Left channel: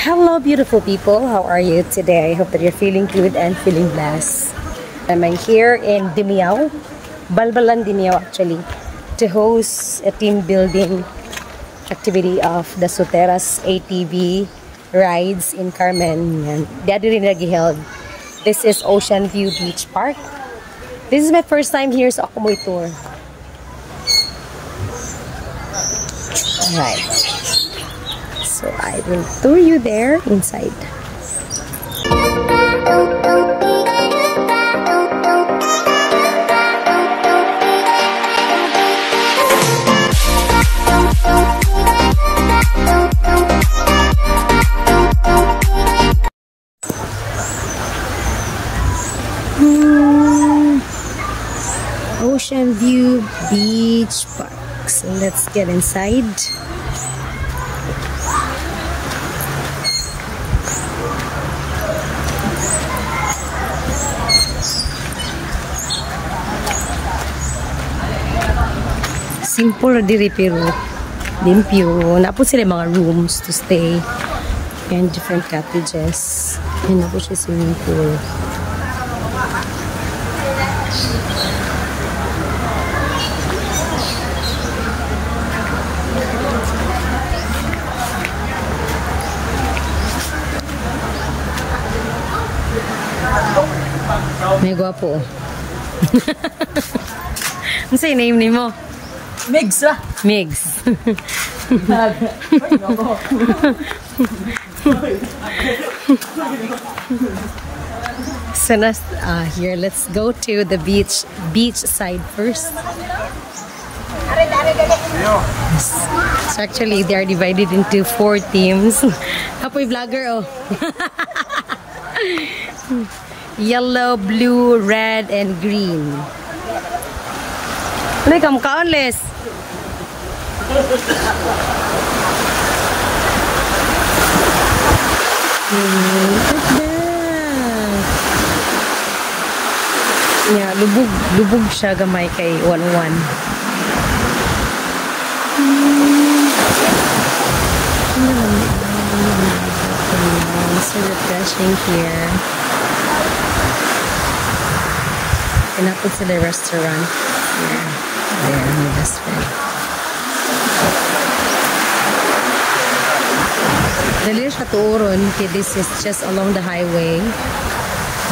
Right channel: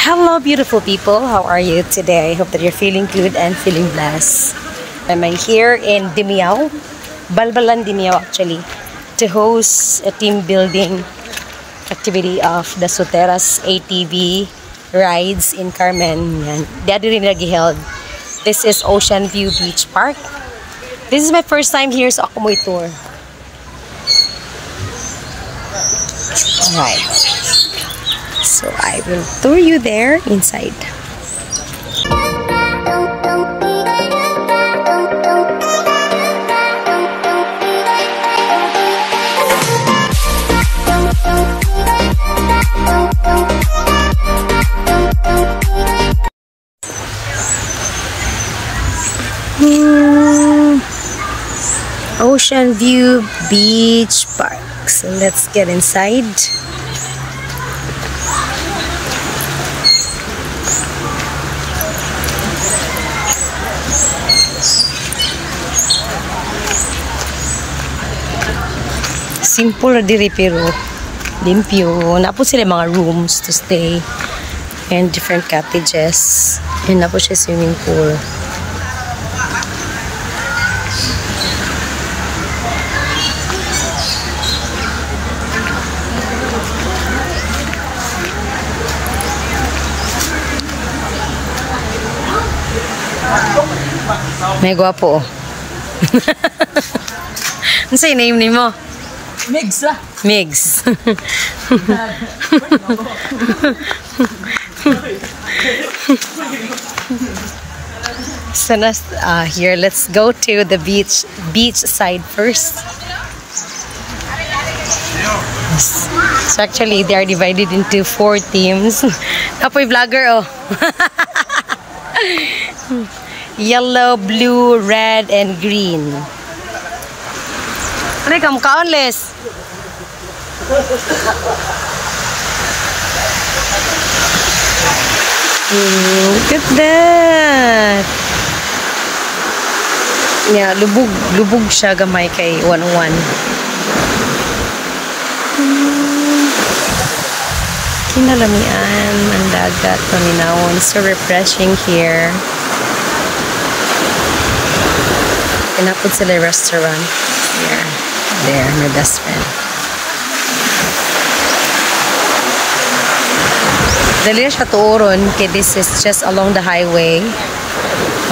Hello, beautiful people. How are you today? I hope that you're feeling good and feeling blessed. I'm here in Dimiao, Balbalan, Dimiao actually, to host a team building activity of the Soteras ATV rides in Carmen. Daddy rin nag-held. This is Ocean View Beach Park. This is my first time here sa Akumoy Tour. Alright. So I will tour you there inside. Ocean View Beach Park. So let's get inside. Simple diri pero limpyo. Napo sila mga rooms to stay and different cottages. And napo siya swimming pool. May gwapo. Ano sa'yo name ni mo? Migs lah. Migs. So here, let's go to the beach side first. Yes. So actually, they are divided into 4 teams. Apoy vlogger, oh. Yellow, blue, red, and green. Look, I'm countless. Look at that. Yeah, lubog siya gamay kay 101. Kinalamian ang dagat, paminawon. So refreshing here. Pinapod sila restaurant here. There, my best friend. Dali siya tuoron kaya this is just along the highway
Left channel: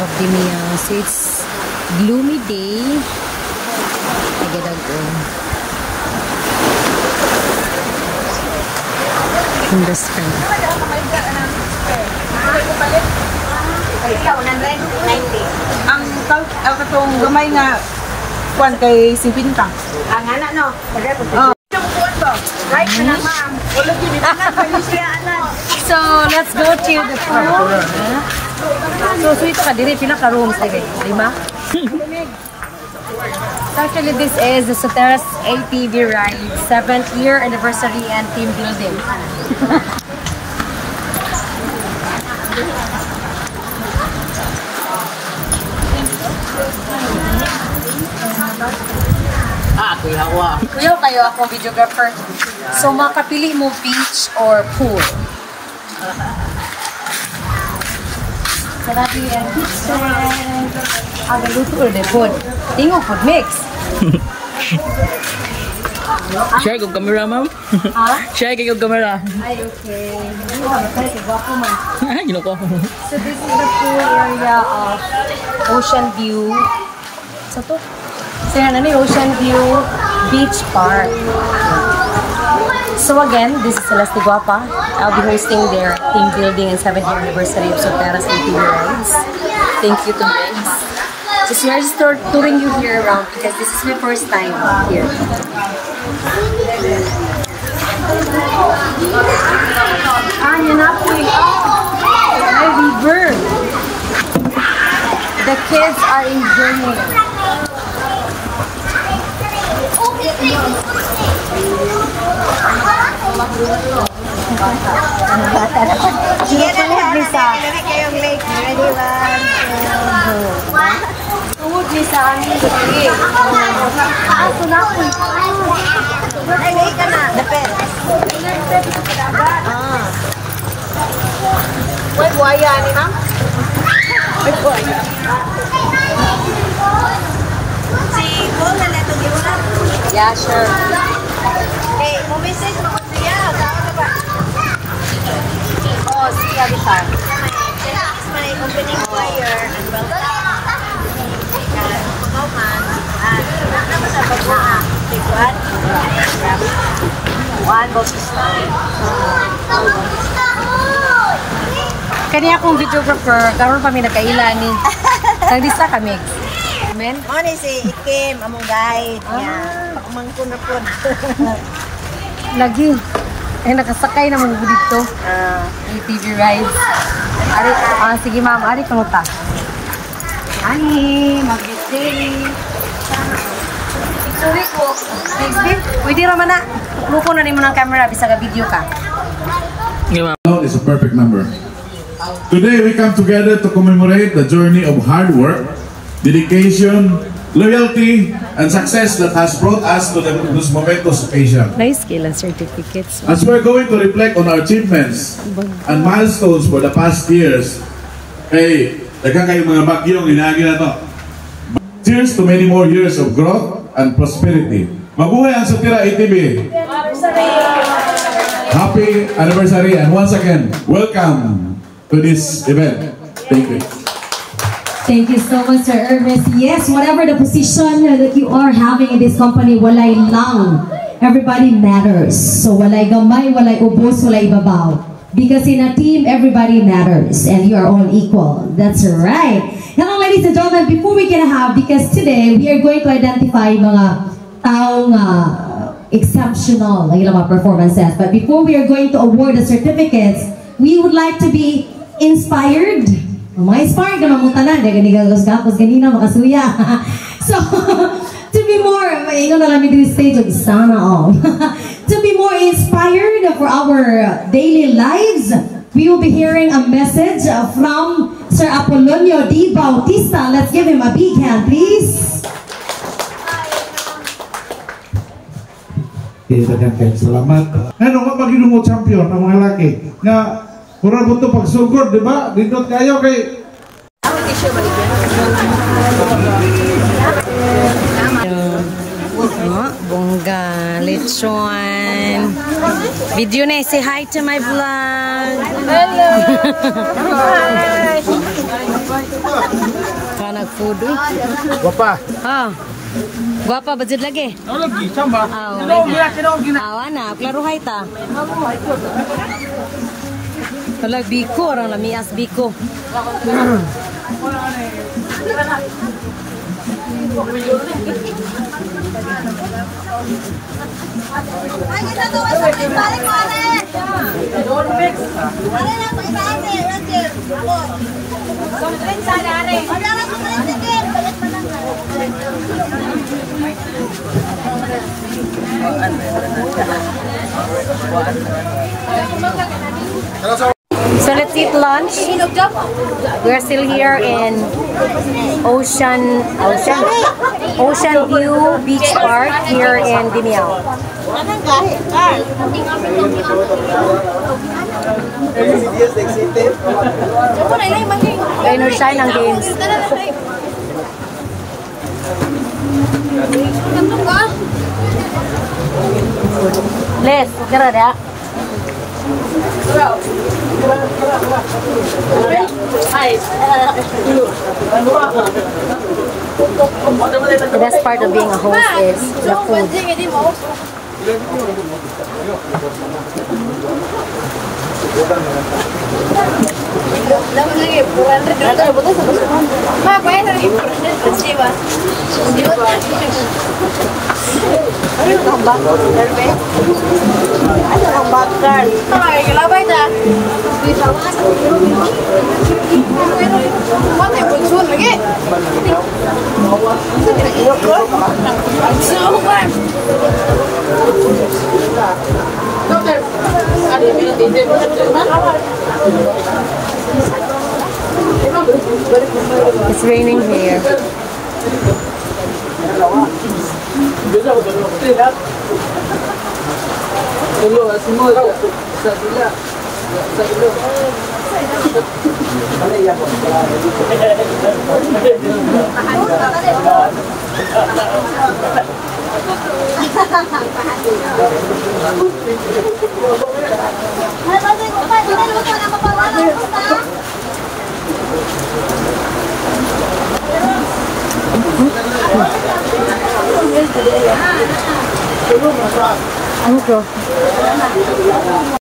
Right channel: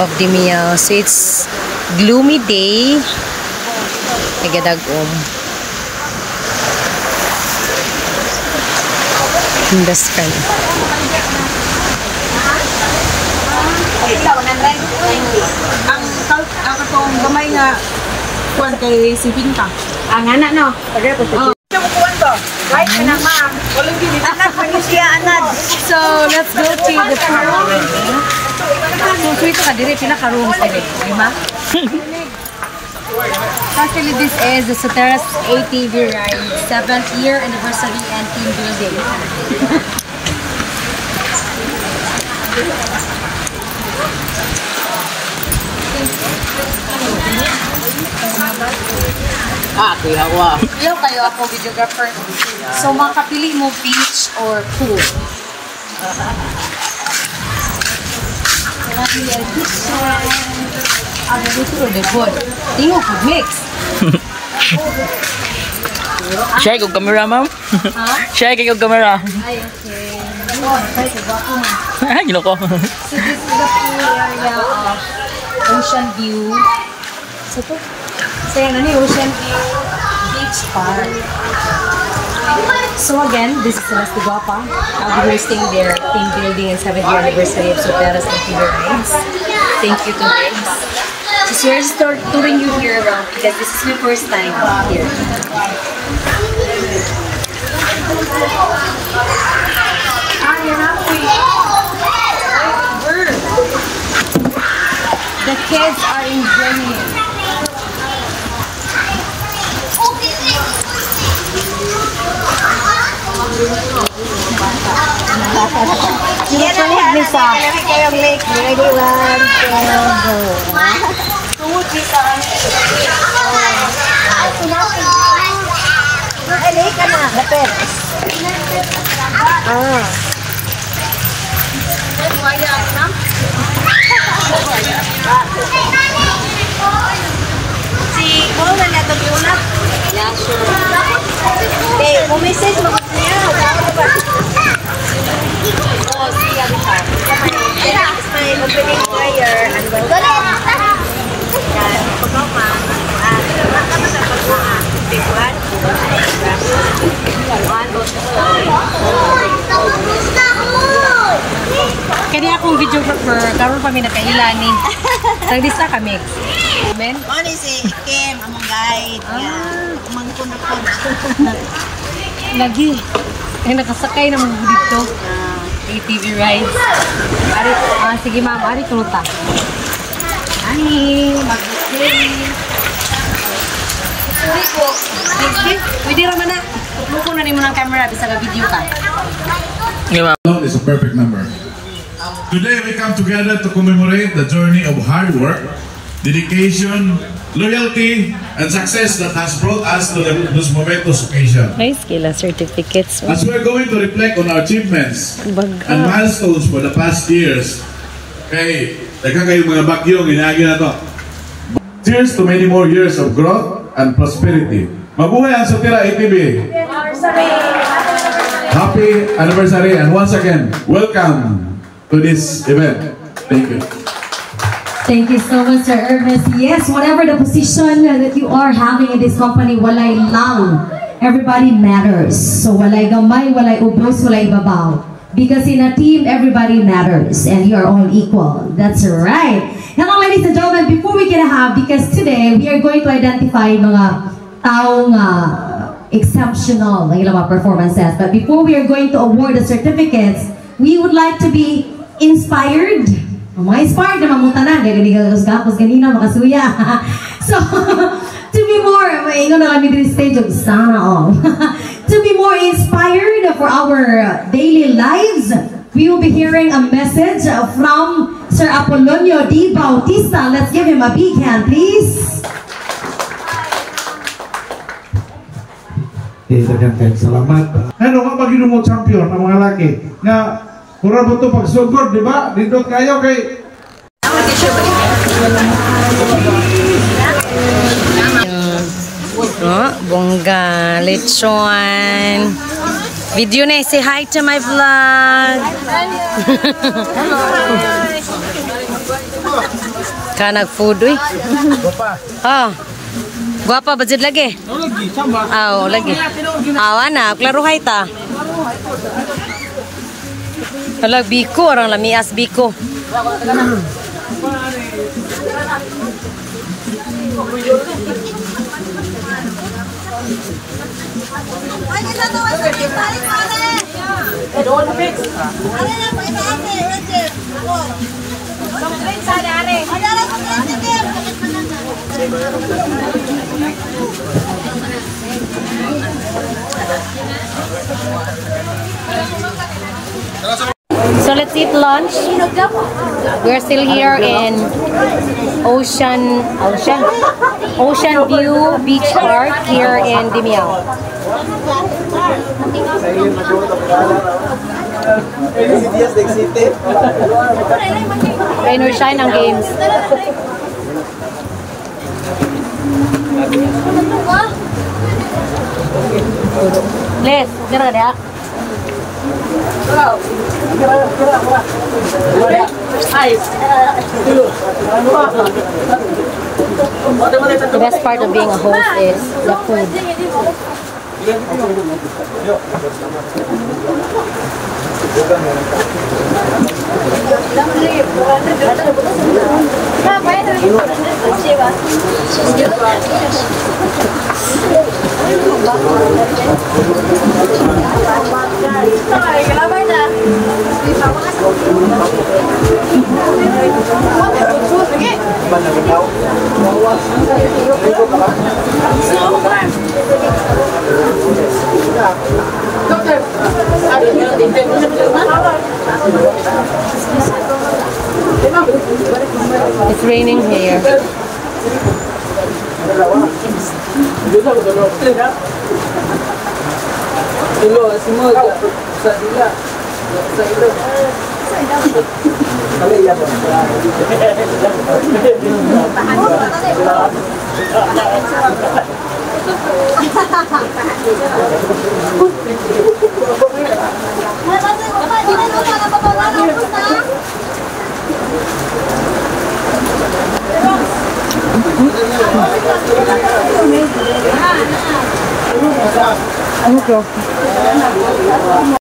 of Dimiao. So it's gloomy day. Nagadagom. My best friend. Ang katong gamay nga kuan kay 50. Ang anak no. So let's go to the pool. So sweet ka diri pinaka rooms diri, di ba? Actually, this is the Soteras ATV ride 7th year anniversary and team building. Kuya wa. Kuya kayo akong videographer. So makapili mo beach or pool. Sarap yung kitchen. Aga dito ulit po. Tingog po mix. Share ko camera, ma'am. Ha? Share ko camera. Ay, okay. Hindi mo matay ko ba man. Gino ko. So this is the pool area of Ocean View. So to? So yan, ano yung Ocean View Beach Park. So again, this is Celeste Guapa. I'll be hosting their team building and 7th year anniversary of Soteras ATV rides. Thank you to Migs. So we're just touring you here around because this is my first time here. Ah, yan na po eh. Ay, river. The kids are enjoying. Sige na niya, kayong lake, ready lang. Tungod ni sa aning gabi. Ah, so na po. LA ka na. Dapet. Wait, buhaya ni ma'am? Ay, buhaya. Si Paul na nato muna? Yeah, sure. Eh, message mo siya. Oh, siya bisa. It's my opening prayer and welcome. Pagkaman, apa sa pag-uha? Pikuan? Kuan, Bautista. Kani akong videographer, karon pa mi nagkaila ni. Naglista kami. Amen. Ano si Ikim, among guide. Among kunapon. Lagi. Ay nakasakay na mga dito. ATV rides. Ari, sige ma'am, ari kanuta. Ani, mag-birthday. Sorry ko. Next day, pwede raman na. Tukluko na nimo ng camera, bisa ka video ka. Is a perfect number. Today we come together to commemorate the journey of hard work, dedication, loyalty, and success that has brought us to this momentous occasion. Nice kila certificates. As we're going to reflect on our achievements and milestones for the past years, daghang kayo mga bagyong inaagi na to. Cheers to many more years of growth and prosperity. Mabuhay ang Sotira ATV! Happy anniversary, and once again, welcome to this event. Thank you. Thank you so much, Sir Ernest. Yes, whatever the position that you are having in this company, walay lang. Everybody matters. So walay gamay, walay ubos, walay babaw. Because in a team, everybody matters. And you are all equal. That's right. Now, ladies and gentlemen, before we get because today, we are going to identify mga taong exceptional ng ilang mga performances. But before we are going to award the certificates, we would like to be inspired. Mga inspired na mamutanan. Gagos ganina, makasuya. So, to be more, maingon na kami din stage of sana all. To be more inspired for our daily lives, we will be hearing a message from Sir Apolonio D. Bautista. Let's give him a big hand, please. Salamat. Ano nga pag mo champion ang mga laki na pura mo ito pagsugod, di ba? Dito kayo kay bongga, lechon. Video na, say hi to my vlog. Kanag food, uy. Guapa, budget lagi? Lagi, samba. Lagi. Anak, klaruhay ta. Halag biko, orang lamias biko. So let's eat lunch. We're still here in Ocean View Beach Park here in Dimiao. Rain or shine ang games. Les, kira dia. The best part of being a host is the food. It's raining here. Ano to?